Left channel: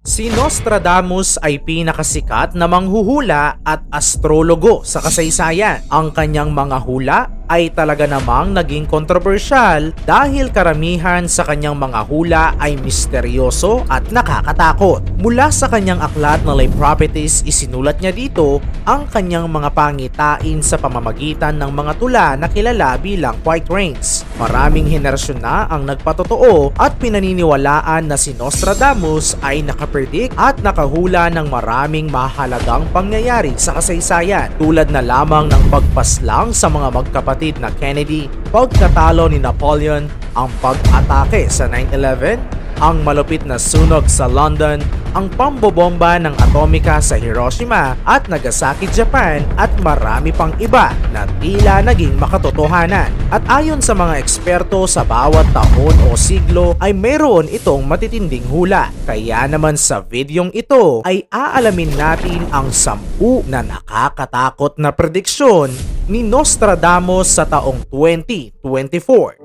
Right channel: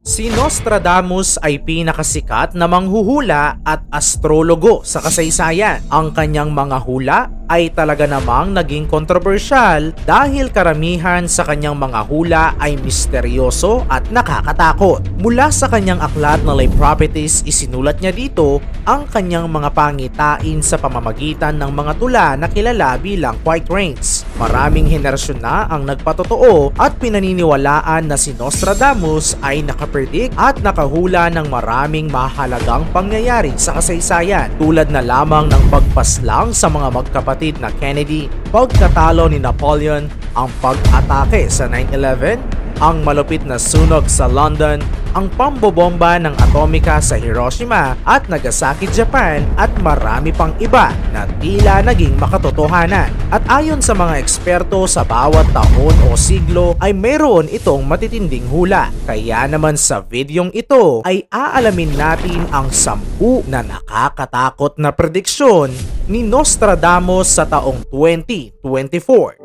Si Nostradamus ay pinakasikat na manghuhula at astrologo sa kasaysayan. Ang kanyang mga hula ay talaga namang naging kontrobersyal dahil karamihan sa kanyang mga hula ay misteryoso at nakakatakot. Mula sa kanyang aklat na Lay Prophecies, isinulat niya dito ang kanyang mga pangitain sa pamamagitan ng mga tula na kilala bilang White Rains. Maraming henerasyon na ang nagpatotoo at pinaniniwalaan na si Nostradamus ay nakapredict at nakahula ng maraming mahalagang pangyayari sa kasaysayan, tulad na lamang ng pagpaslang sa mga magkapatid na Kennedy, pagkatalo ni Napoleon, ang pag-atake sa 9/11, ang malupit na sunog sa London, ang pambobomba ng atomika sa Hiroshima at Nagasaki, Japan, at marami pang iba na tila naging makatotohanan. At ayon sa mga eksperto, sa bawat taon o siglo ay mayroon itong matitinding hula. Kaya naman sa videong ito ay aalamin natin ang 10 na nakakatakot na prediksyon ni Nostradamus sa taong 2024.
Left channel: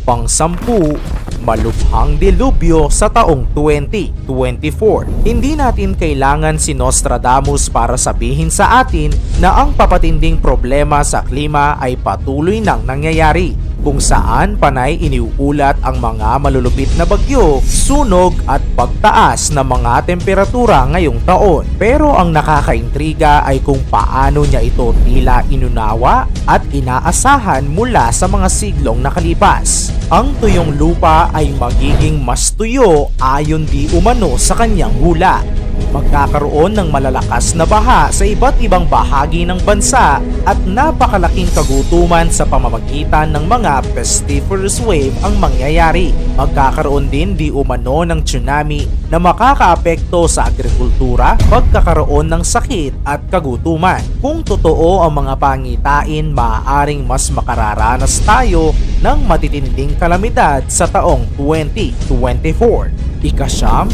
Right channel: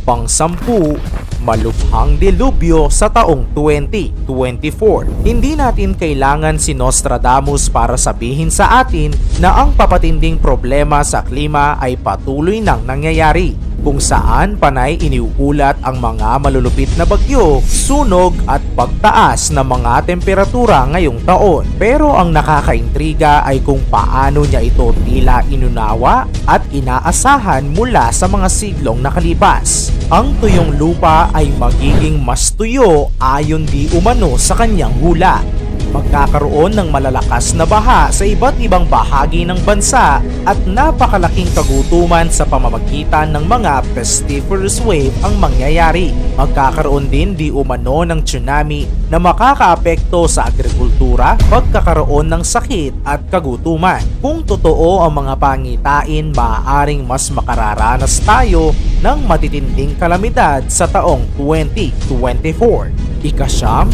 Pang-10, malubhang delubyo sa taong 2024. Hindi natin kailangan si Nostradamus para sabihin sa atin na ang papatinding problema sa klima ay patuloy nang nangyayari, kung saan panay iniuulat ang mga malulupit na bagyo, sunog at pagtaas ng mga temperatura ngayong taon. Pero ang nakakaintriga ay kung paano niya ito tila inunawa at inaasahan mula sa mga siglong nakalipas. Ang tuyong lupa ay magiging mas tuyo ayon di umano sa kanyang hula. Magkakaroon ng malalakas na baha sa iba't ibang bahagi ng bansa at napakalaking kagutuman sa pamamagitan ng mga pestiferous wave ang mangyayari. Magkakaroon din di umano ng tsunami na makakaapekto sa agrikultura, pagkakaroon ng sakit at kagutuman. Kung totoo ang mga pangitain, maaaring mas makararanas tayo ng matitinding kalamidad sa taong 2024. Ika-9,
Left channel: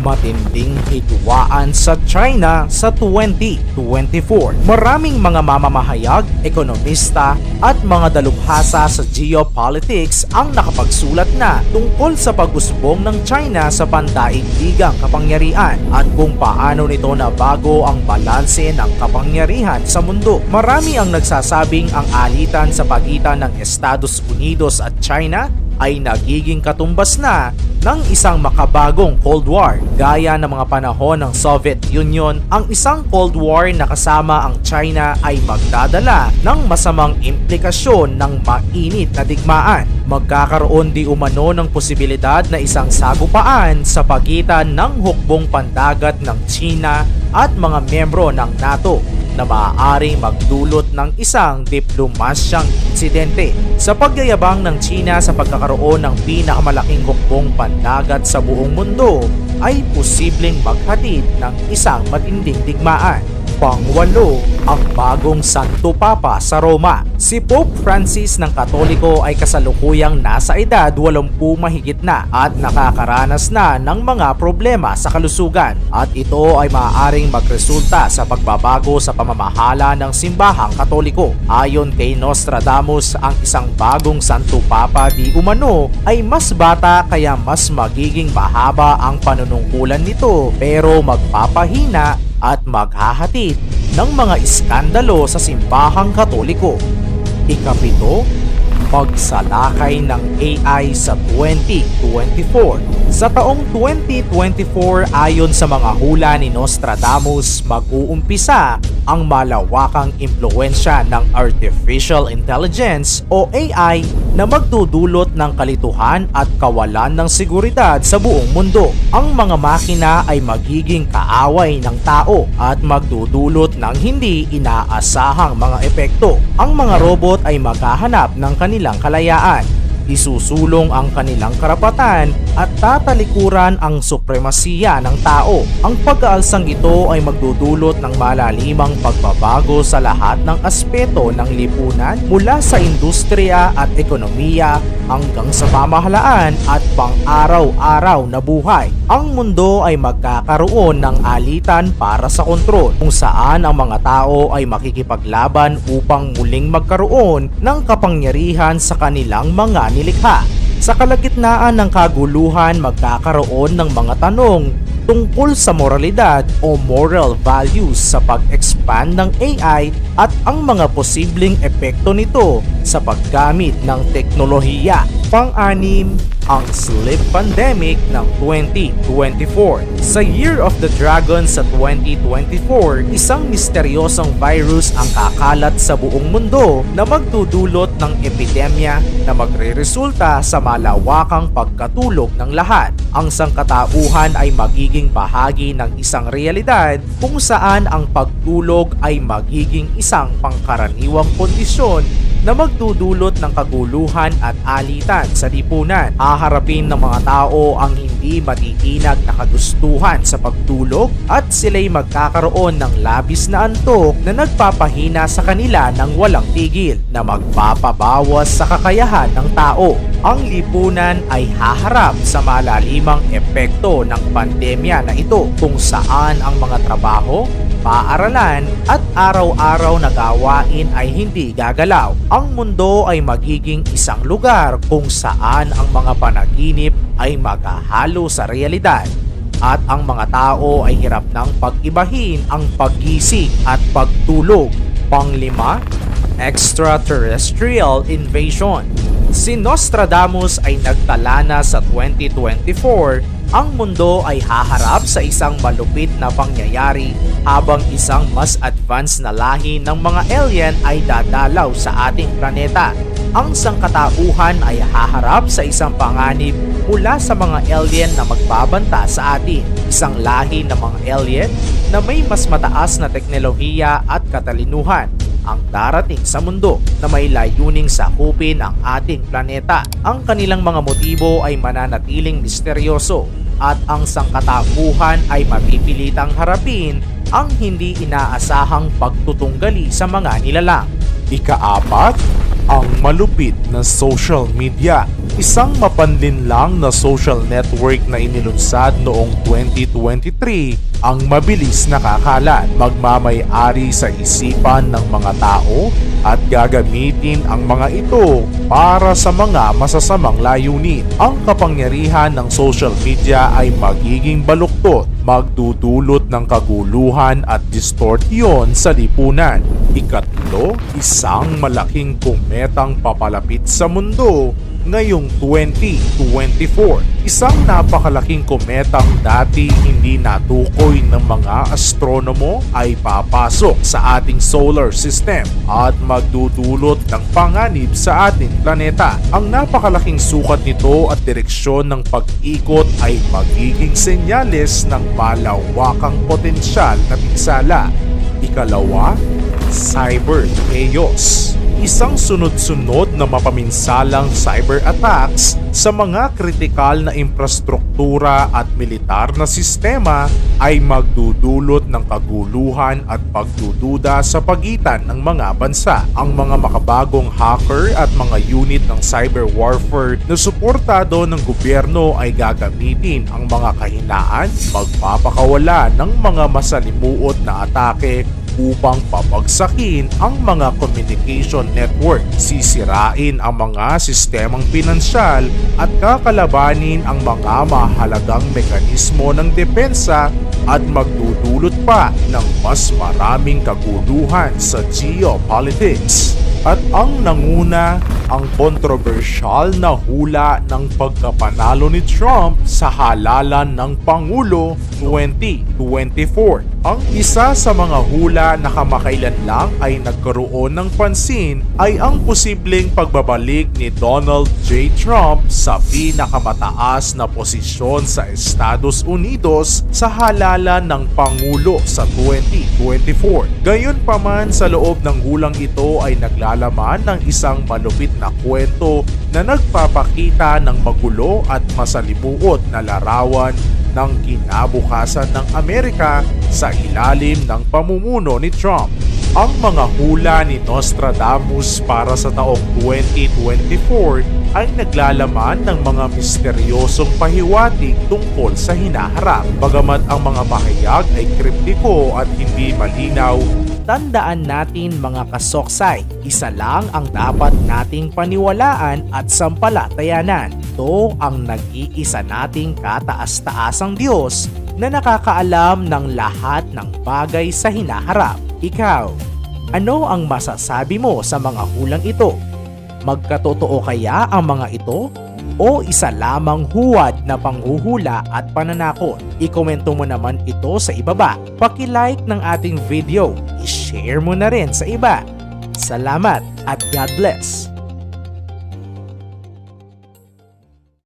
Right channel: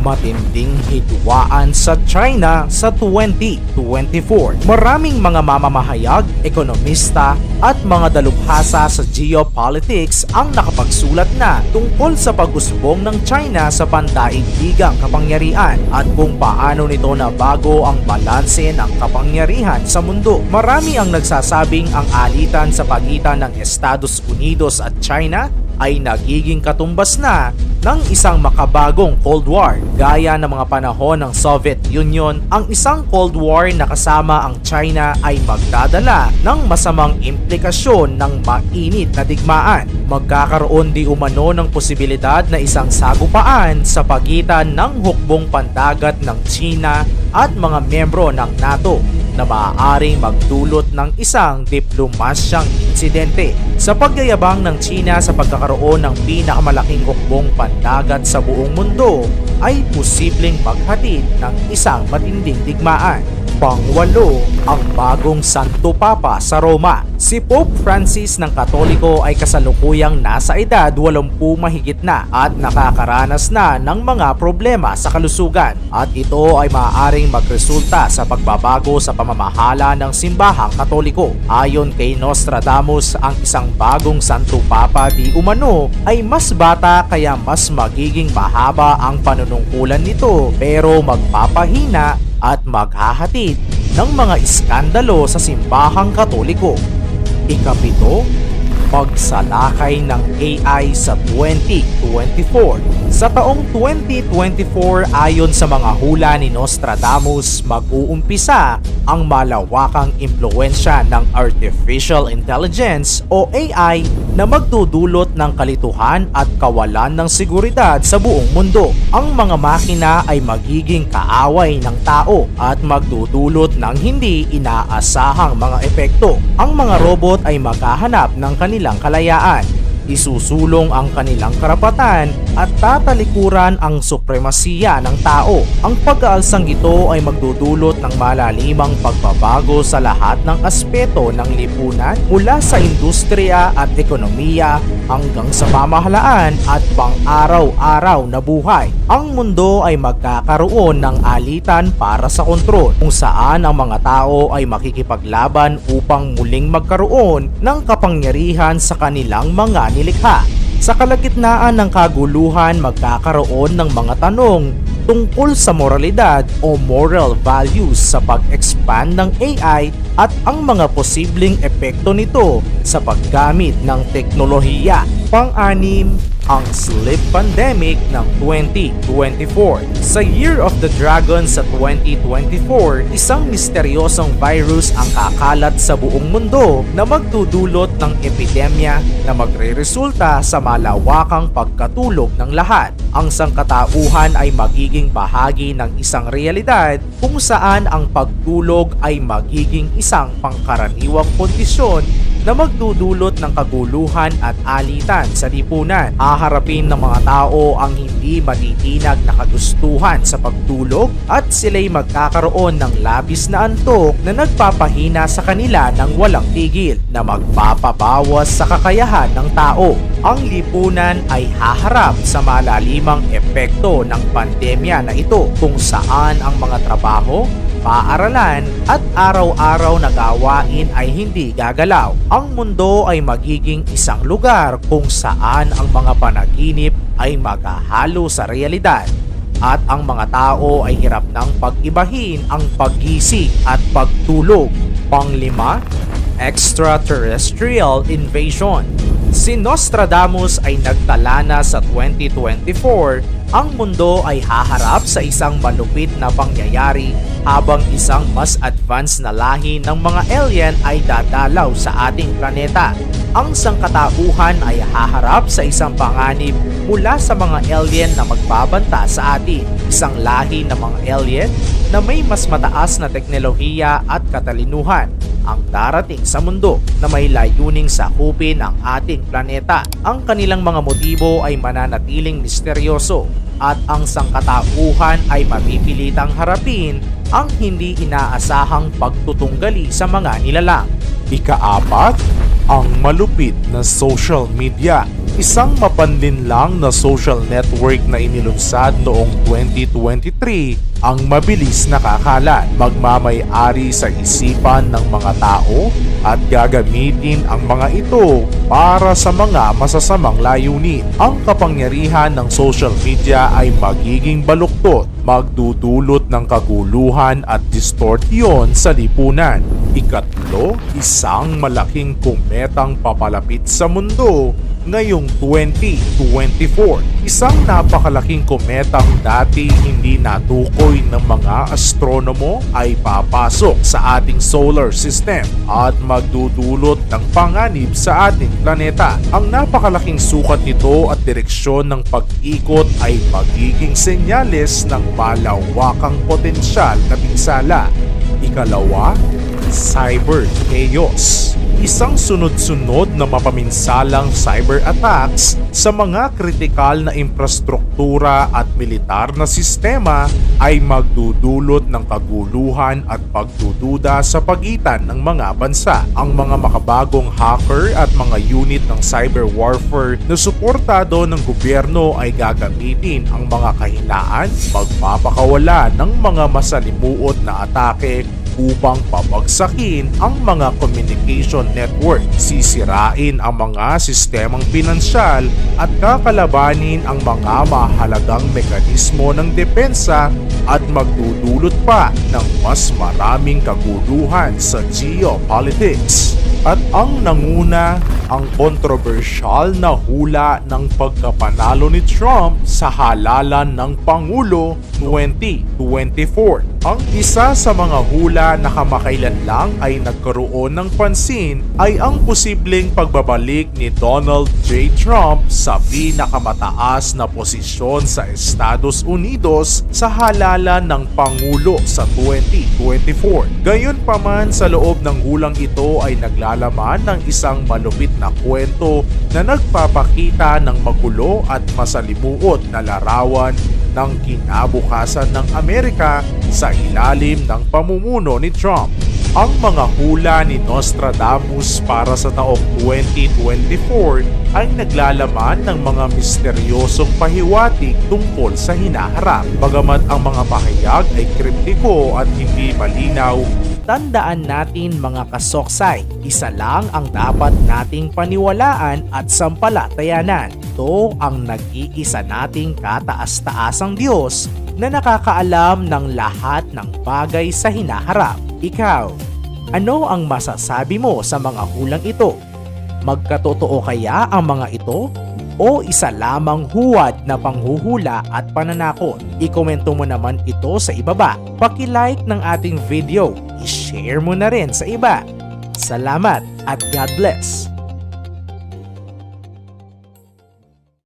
matinding hidwaan sa China sa 2024. Maraming mga mamamahayag, ekonomista at mga dalubhasa sa geopolitics ang nakapagsulat na tungkol sa pag-usbong ng China sa pandaigdigang kapangyarihan at kung paano nito nabago ang balanse ng kapangyarihan sa mundo. Marami ang nagsasabing ang alitan sa pagitan ng Estados Unidos at China ay nagiging katumbas na ng isang makabagong Cold War. Gaya ng mga panahon ng Soviet Union, ang isang Cold War na kasama ang China ay magdadala ng masamang implikasyon ng mainit na digmaan. Magkakaroon di umano ng posibilidad na isang sagupaan sa pagitan ng hukbong pandagat ng China at mga miyembro ng NATO na maaaring magdulot ng isang diplomasyang insidente. Sa pagyayabang ng China sa pagkakaroon ng pinakamalaking hukbong pandagat sa buong mundo, ay posibleng maghatid ng isang matinding digmaan. Pang-8, ang bagong Santo Papa sa Roma. Si Pope Francis ng Katoliko ay kasalukuyang nasa edad 80 mahigit na at nakakaranas na ng mga problema sa kalusugan, at ito ay maaaring magresulta sa pagbabago sa pamamahala ng simbahang Katoliko. Ayon kay Nostradamus, ang isang bagong Santo Papa di umano ay mas bata, kaya mas magiging mahaba ang panunungkulan nito, pero magpapahina at maghahatid ng mga iskandalo sa simbahang Katoliko. Ika-7, pagsalakay ng AI sa 2024. Sa taong 2024, ayon sa mga hula ni Nostradamus, mag-uumpisa ang malawakang impluwensya ng Artificial Intelligence o AI na magdudulot ng kalituhan at kawalan ng seguridad sa buong mundo. Ang mga makina ay magiging kaaway ng tao at magdudulot ng hindi inaasahang mga epekto. Ang mga robot ay maghahanap ng kanilang kalayaan, isusulong ang kanilang karapatan at tatalikuran ang supremasiya ng tao. Ang pag-aalsang ito ay magdudulot ng malalimang pagbabago sa lahat ng aspeto ng lipunan, mula sa industriya at ekonomiya hanggang sa pamahalaan at pang-araw-araw na buhay. Ang mundo ay magkakaroon ng alitan para sa kontrol, kung saan ang mga tao ay makikipaglaban upang muling magkaroon ng kapangyarihan sa kanilang mga nilikha. Sa kalagitnaan ng kaguluhan, magkakaroon ng mga tanong tungkol sa moralidad o moral values sa pag-expand ng AI at ang mga posibleng epekto nito sa paggamit ng teknolohiya. Pang-anim, ang sleep pandemic ng 2024. Sa Year of the Dragon sa 2024, isang misteryosong virus ang kakalat sa buong mundo na magdudulot ng epidemya na magreresulta sa malawakang pagkatulog ng lahat. Ang sangkatauhan ay magiging bahagi ng isang realidad kung saan ang pagtulog ay magiging isang pangkaraniwang kondisyon na magdudulot ng kaguluhan at alitan sa lipunan. Haharapin ng mga tao ang hindi matitinag na kagustuhan sa pagtulog at sila'y magkakaroon ng labis na antok na nagpapahina sa kanila ng walang tigil na magpapabawas sa kakayahan ng tao. Ang lipunan ay haharap sa malalimang epekto ng pandemya na ito kung saan ang mga trabaho, paaralan at araw-araw na gawain ay hindi gagalaw. Ang mundo ay magiging isang lugar kung saan ang mga panaginip ay maghahalo sa realidad at ang mga tao ay hirap ng pag-ibahin ang paggising at pagtulog. Panglima, extraterrestrial invasion. Si Nostradamus ay nagtala na sa 2024 ang mundo ay haharap sa isang malupit na pangyayari habang isang mas advanced na lahi ng mga alien ay dadalaw sa ating planeta. Ang sangkatauhan ay haharap sa isang panganib mula sa mga alien na magbabanta sa atin. Isang lahi ng mga alien na may mas mataas na teknolohiya at katalinuhan ang darating sa mundo na may layuning sakupin ang ating planeta. Ang kanilang mga motibo ay mananatiling misteryoso at ang sangkatauhan ay mapipilitang harapin ang hindi inaasahang pagtutunggali sa mga nilalang. Ika-apat, ang malupit na social media. Isang mapanlinlang na social network na inilunsad noong 2023 ang mabilis nakakalat, magmamay-ari sa isipan ng mga tao at gagamitin ang mga ito para sa mga masasamang layunin. Ang kapangyarihan ng social media ay magiging baluktot, magdudulot ng kaguluhan at distortion sa lipunan. Ikatlo, isang malaking kometang papalapit sa mundo ngayong 2024. Isang napakalaking kometang dati hindi natukoy ng mga astronomo ay papasok sa ating solar system at magdudulot ng panganib sa ating planeta. Ang napakalaking sukat nito at direksyon ng pag-ikot ay magiging senyales ng malawakang potensyal na pinsala. Ikalawa, cyber chaos. Isang sunod-sunod na mapaminsalang cyber attacks sa mga kritikal na infrastruktura at militar na sistema ay magdudulot ng kaguluhan at pagdududa sa pagitan ng mga bansa. Ang mga makabagong hacker at mga unit ng cyber warfare na suportado ng gobyerno ay gagamitin ang mga kahinaan, magpapakawala ng mga masalimuot na atake upang pabagsakin ang mga communication network, sisirain ang mga sistemang pinansyal at kakalabanin ang mga mahalagang mekanismo ng depensa at magdudulot pa ng mas maraming kaguluhan sa geopolitics. At ang nanguna, ang kontrobersyal na hula ng pagkapanalo ni Trump sa halalan ng Pangulo 2024. Ang isa sa mga hula na kamakailan lang ay nagkaroon ng pansin ay ang posibleng pagbabalik ni Donald J. Trump sa pinakamataas na posisyon sa Estados Unidos sa halalan ng Pangulo sa 2024. Gayunpaman, sa loob ng hulang ito ay naglalaman ng isang malupit na kwento na nagpapakita ng magulo at masalimuot na larawan ng kinabukasan ng Amerika sa ilalim ng pamumuno ni Trump. Ang mga hula ni Nostradamus para sa taong 2024 ay naglalaman ng mga misteryosong pahiwatig tungkol sa hinaharap. Bagamat ang mga pahayag ay kriptiko at hindi malinaw, Tandaan natin mga kasoksay, isa lang ang dapat nating paniwalaan at sampalatayanan. Ito ang nag-iisa nating kataas-taasang Diyos na nakakaalam ng lahat ng bagay sa hinaharap. Ikaw, ano ang masasabi mo sa mga hulang ito? Magkatotoo kaya ang mga ito? O isa lamang huwad na panghuhula at pananakot? I-komento mo naman ito sa ibaba. Paki-like ng ating video. I-share mo na rin sa iba. Salamat at God bless!